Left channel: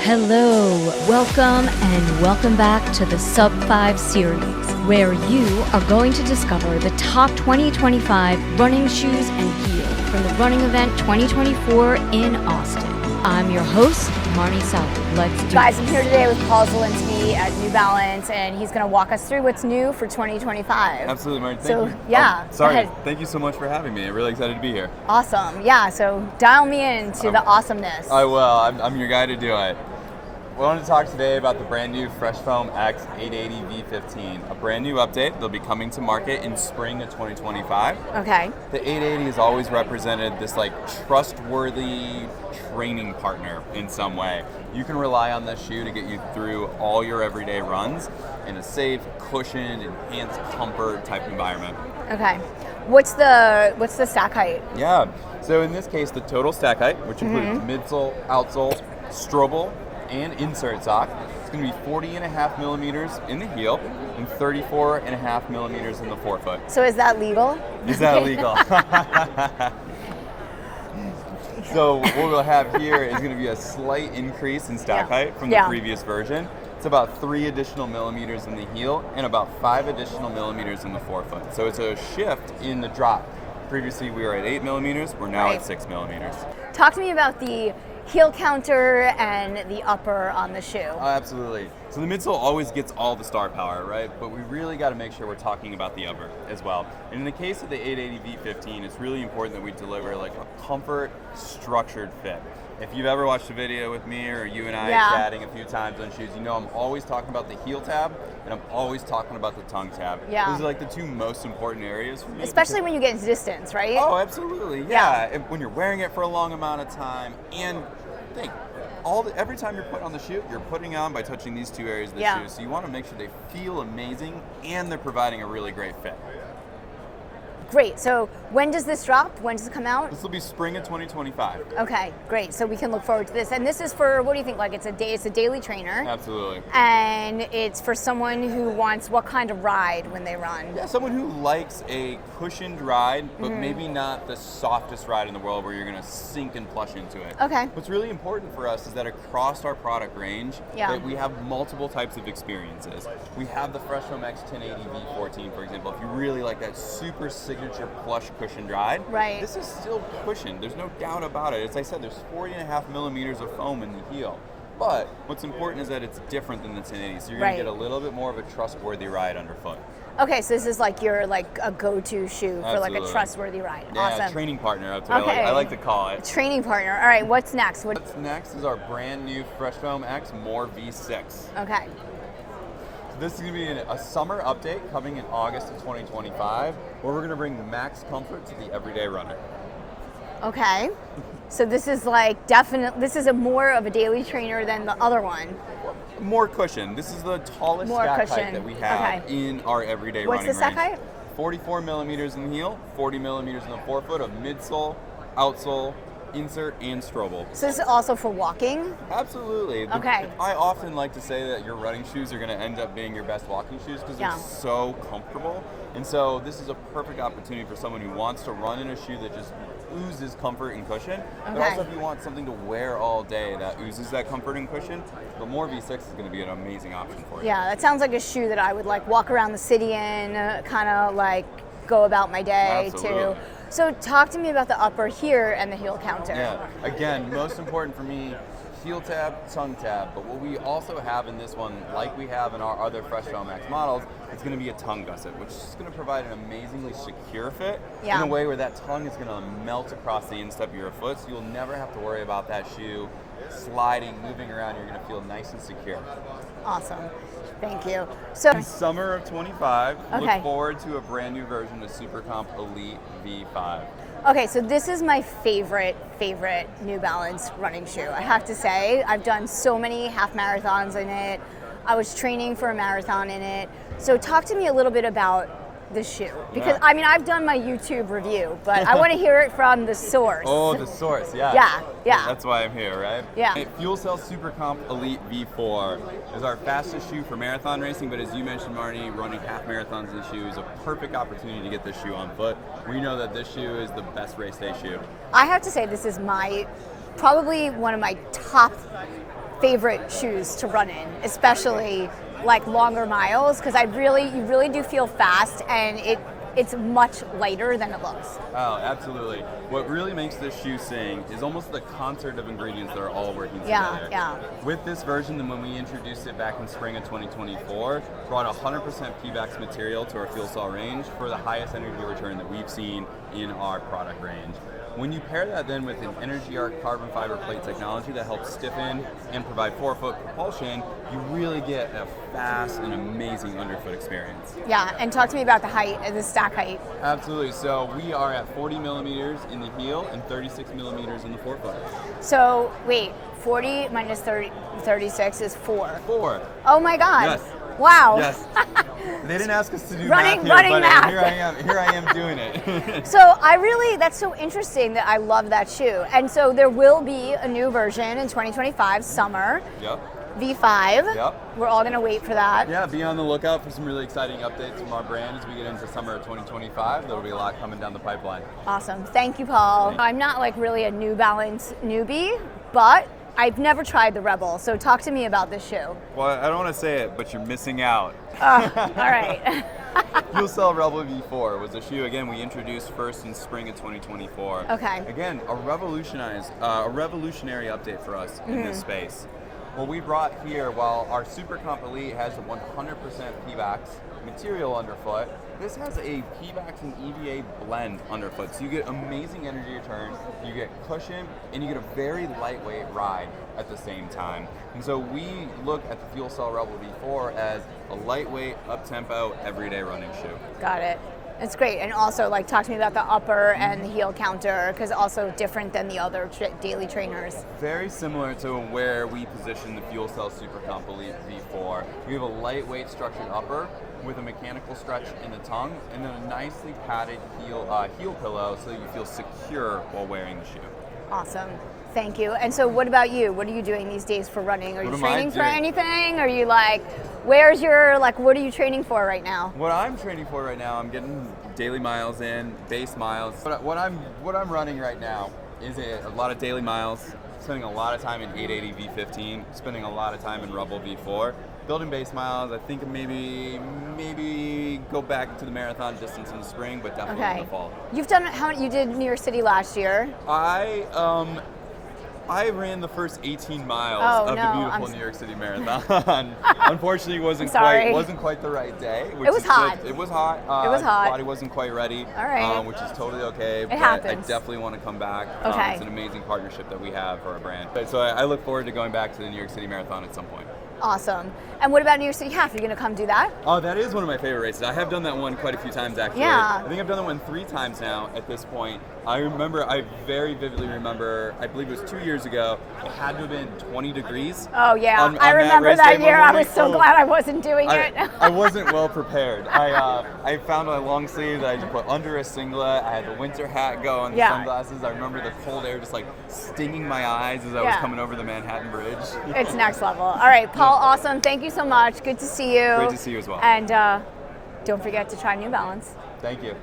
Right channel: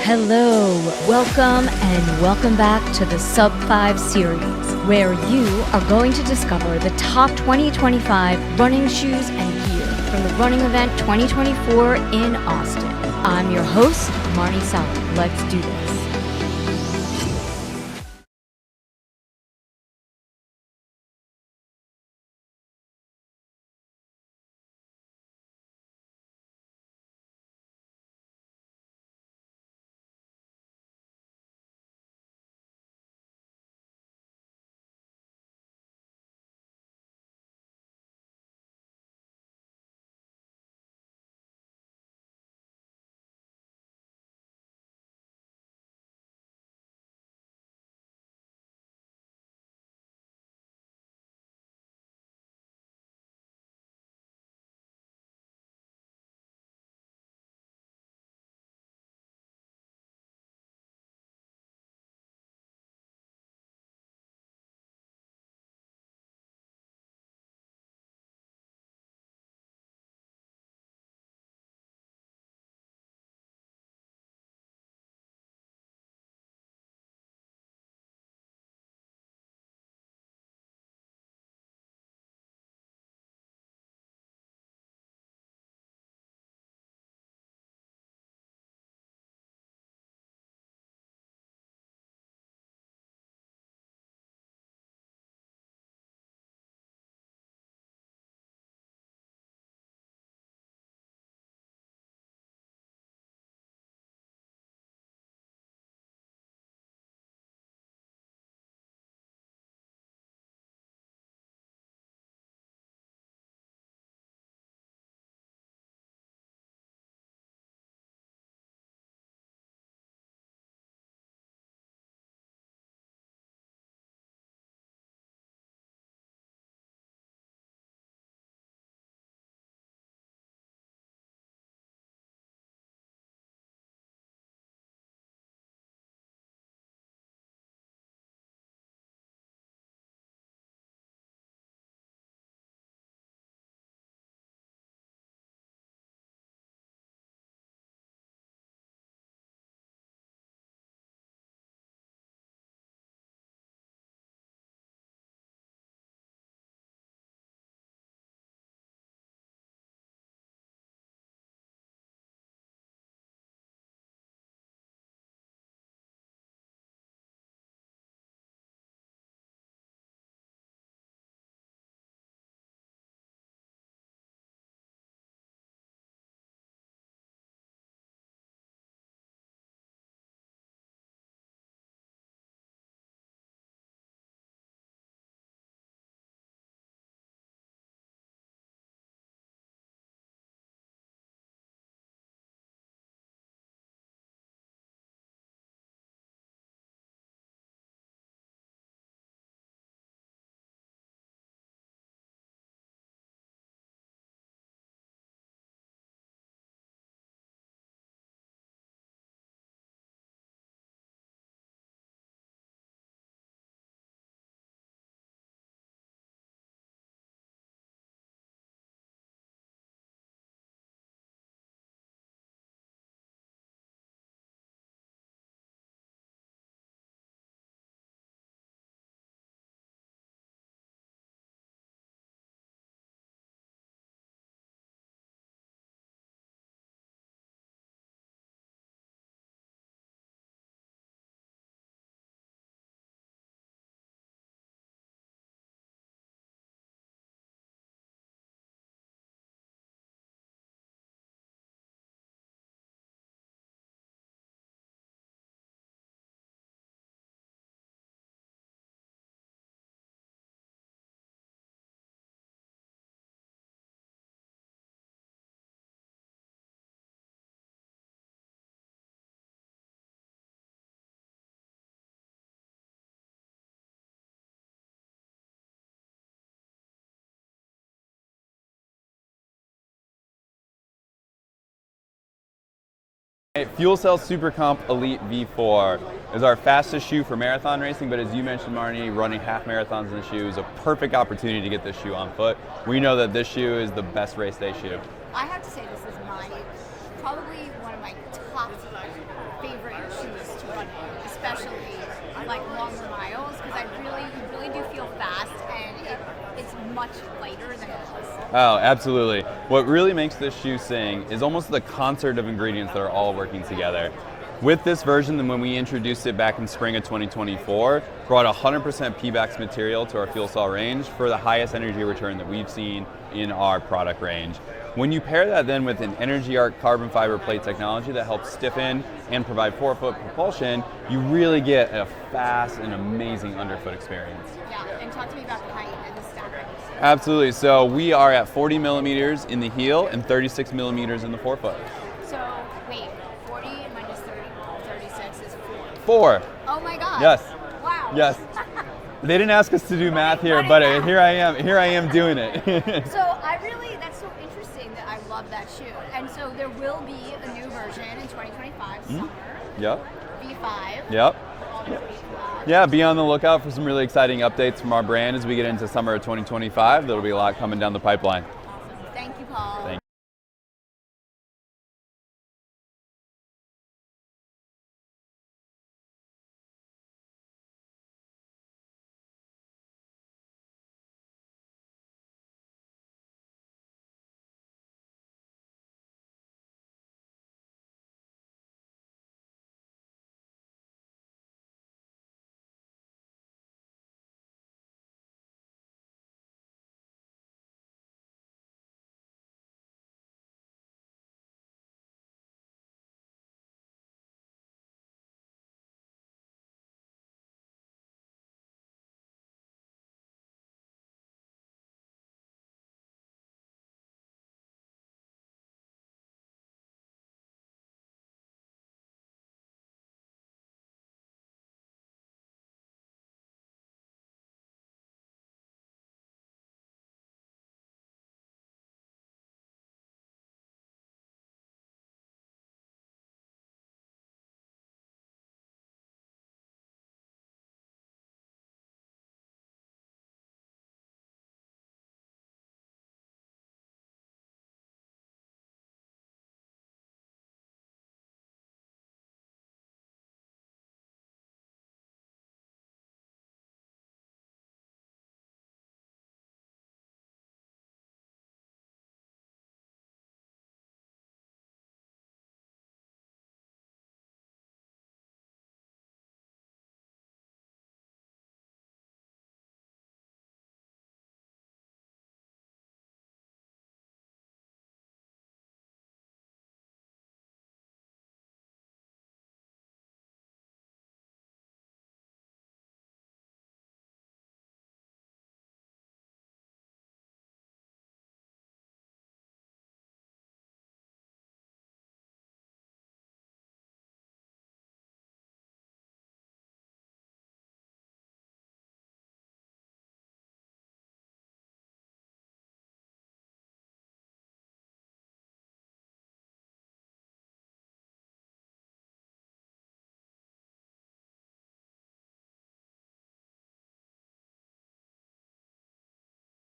Hello, welcome back to the Sub 5 series, where you are going to discover the top 2025 running shoes and gear from the running event 2024 in Austin. I'm your host, Marni Salup. Let's do Guys, this. I'm here today with Zielinski at New Balance, and he's going to walk us through what's new for 2025. Absolutely, Marni. Thank you. Yeah. Sorry. Thank you so much for having me. I'm really excited to be here. Awesome. Yeah, so dial me into the awesomeness. I will. I'm your guy to do it. We wanted to talk today about the brand new Fresh Foam X 880 V15, a brand new update that'll be coming to market in spring of 2025. Okay. The 880 has always represented this like trustworthy training partner in some way. You can rely on this shoe to get you through all your everyday runs in a safe, cushioned, enhanced comfort type environment. Okay. What's the stack height? Yeah. So in this case, the total stack height, which includes midsole, outsole, strobel, and insert sock, it's going to be 40.5 millimeters in the heel and 34.5 millimeters in the forefoot. So is that legal? Is that legal? So what we'll have here is going to be a slight increase in stack height from the previous version. It's about 3 additional millimeters in the heel and about 5 additional millimeters in the forefoot. So it's a shift in the drop. Previously we were at 8 millimeters, we're now at 6 millimeters. Talk to me about the heel counter and the upper on the shoe. Absolutely. So the midsole always gets all the star power, right? But we really got to make sure we're talking about the upper as well. And in the case of the 880 V15, it's really important that we deliver like a comfort, structured fit. If you've ever watched a video with me or you and I chatting a few times on shoes, you know I'm always talking about the heel tab and I'm always talking about the tongue tab. Yeah. Those are like the two most important areas for me. Especially when you get into distance, right? Oh, absolutely. Yeah. When you're wearing it for a long amount of time, and think, every time you're putting on the shoe, you're putting on by touching these two areas of the shoe. So you want to make sure they feel amazing and they're providing a really great fit. Great. So when does this drop? When does it come out? This will be spring of 2025. Okay, great. So we can look forward to this. And this is for, what do you think? Like it's a daily trainer. Absolutely. And it's for someone who wants what kind of ride when they run? Yeah, someone who likes a cushioned ride, but maybe not the softest ride in the world where you're going to sink and plush into it. Okay. What's really important for us is that across our product range, that we have multiple types of experiences. We have the Fresh Foam X 1080 V14, for example. If you really like that super signature plush cushioned ride, this is still cushioned. There's no doubt about it. As I said, there's 40.5 millimeters of foam in the heel. But what's important is that it's different than the 1080, so you're going to get a little bit more of a trustworthy ride underfoot. Okay, so this is like your a go-to shoe for like a trustworthy ride. Yeah, awesome. Training partner, that's what I like to call it. Training partner. All right, what's next? What's next is our brand new Fresh Foam X More V6. Okay. This is going to be a summer update coming in August of 2025, where we're going to bring max comfort to the everyday runner. Okay. So this is like this is more of a daily trainer than the other one. More cushion. This is the tallest stack height that we have in our everyday running range. What's the stack height? 44 millimeters in the heel, 40 millimeters in the forefoot of midsole, outsole, insert, and strobel. So this is also for walking? Absolutely. Okay. I often like to say that your running shoes are going to end up being your best walking shoes because they're so comfortable. And so this is a perfect opportunity for someone who wants to run in a shoe that just oozes comfort and cushion. But also if you want something to wear all day that oozes that comfort and cushion, the More V6 is going to be an amazing option for you. Yeah, that sounds like a shoe that I would like walk around the city in, kind of like go about my day too. So talk to me about the upper here and the heel counter. Yeah, again, most important for me, heel tab, tongue tab, but what we also have in this one, like we have in our other Fresh Foam X models, it's going to be a tongue gusset, which is going to provide an amazingly secure fit in a way where that tongue is going to melt across the instep of your foot, so you'll never have to worry about that shoe sliding, moving around. You're going to feel nice and secure. Awesome. Thank you. So in summer of 25, look forward to a brand new version of SuperComp Elite V5. Okay, so this is my favorite New Balance running shoe. I have to say, I've done so many half marathons in it. I was training for a marathon in it. So talk to me a little bit about the shoe, because I mean I've done my YouTube review, but I want to hear it from the source. Oh, the source, yeah. That's why I'm here, right? Yeah. Hey, FuelCell SuperComp Elite V4 is our fastest shoe for marathon racing, but as you mentioned, Marni, running half marathons in the shoe is a perfect opportunity to get this shoe on foot. We know that this shoe is the best race day shoe. I have to say this is my probably one of my top favorite shoes to run in, especially like longer miles, because you really do feel fast, and it's much lighter than it looks. Oh, absolutely. What really makes this shoe sing is almost the concert of ingredients that are all working together. Yeah. With this version, then when we introduced it back in spring of 2024, brought 100% P-Bax material to our FuelCell range for the highest energy return that we've seen in our product range. When you pair that then with an Energy Arc carbon fiber plate technology that helps stiffen and provide forefoot propulsion, you really get a fast and amazing underfoot experience. Yeah, and talk to me about the height and the stack height. Absolutely. So we are at 40 millimeters in the heel and 36 millimeters in the forefoot. So wait, 40 minus 36 is 4. 4. Oh my God. Yes. Wow. Yes. They didn't ask us to do Running math here, but math. here I am doing it. So that's so interesting that I love that shoe. And so there will be a new version in 2025, summer. Yep. V5. Yep. We're all gonna wait for that. Yeah, be on the lookout for some really exciting updates from our brand as we get into summer of 2025. There'll be a lot coming down the pipeline. Awesome. Thank you, Paul. I'm not like really a New Balance newbie, but I've never tried the Rebel, so talk to me about this shoe. Well, I don't want to say it, but you're missing out. All right. FuelCell Rebel V4 was a shoe, again, we introduced first in spring of 2024. Okay. Again, a revolutionary update for us in this space. What we brought here, while our SuperComp Elite has a 100% P-Bax material underfoot, this has a P-Bax and EVA blend underfoot. So you get amazing energy return, you get cushion, and you get a very lightweight ride at the same time. And so we look at the FuelCell Rebel V4 as a lightweight, up-tempo, everyday running shoe. Got it. It's great. And also, like, talk to me about the upper and the heel counter, because also different than the other daily trainers. Very similar to where we position the FuelCell SuperComp Elite V4. We have a lightweight structured upper with a mechanical stretch in the tongue, and then a nicely padded heel pillow so that you feel secure while wearing the shoe. Awesome. Thank you. And so what about you? What are you doing these days for running? Are you training for anything? Are you like, what are you training for right now? What I'm training for right now, I'm getting daily miles in, base miles. What I'm running right now is a lot of daily miles, spending a lot of time in 880 V15, spending a lot of time in Rebel V4. Building base miles, I think maybe go back to the marathon distance in the spring, but definitely in the fall. You've done you did New York City last year. I ran the first 18 miles of the beautiful New York City Marathon. Unfortunately, it wasn't quite the right day. It was hot. It was hot. It was hot. The body wasn't quite ready. All right. Which is totally okay. It happens. I definitely want to come back. Okay. It's an amazing partnership that we have for our brand. So I look forward to going back to the New York City Marathon at some point. Awesome. And what about New York City Half? Are you going to come do that? Oh, that is one of my favorite races. I have done that one quite a few times, actually. Yeah. I think I've done that one 3 times now at this point. I very vividly remember, I believe it was 2 years ago, it had to have been 20 degrees. Oh, yeah. On I remember that year. I was so glad I wasn't doing it. it. I wasn't well prepared. I found my long sleeve that I had to put under a singlet. I had the winter hat go and the sunglasses. I remember the cold air just like stinging my eyes as I was coming over the Manhattan Bridge. It's next level. All right, Paul, awesome. Thank you so much. Good to see you. Great to see you as well. And don't forget to try New Balance. Thank you.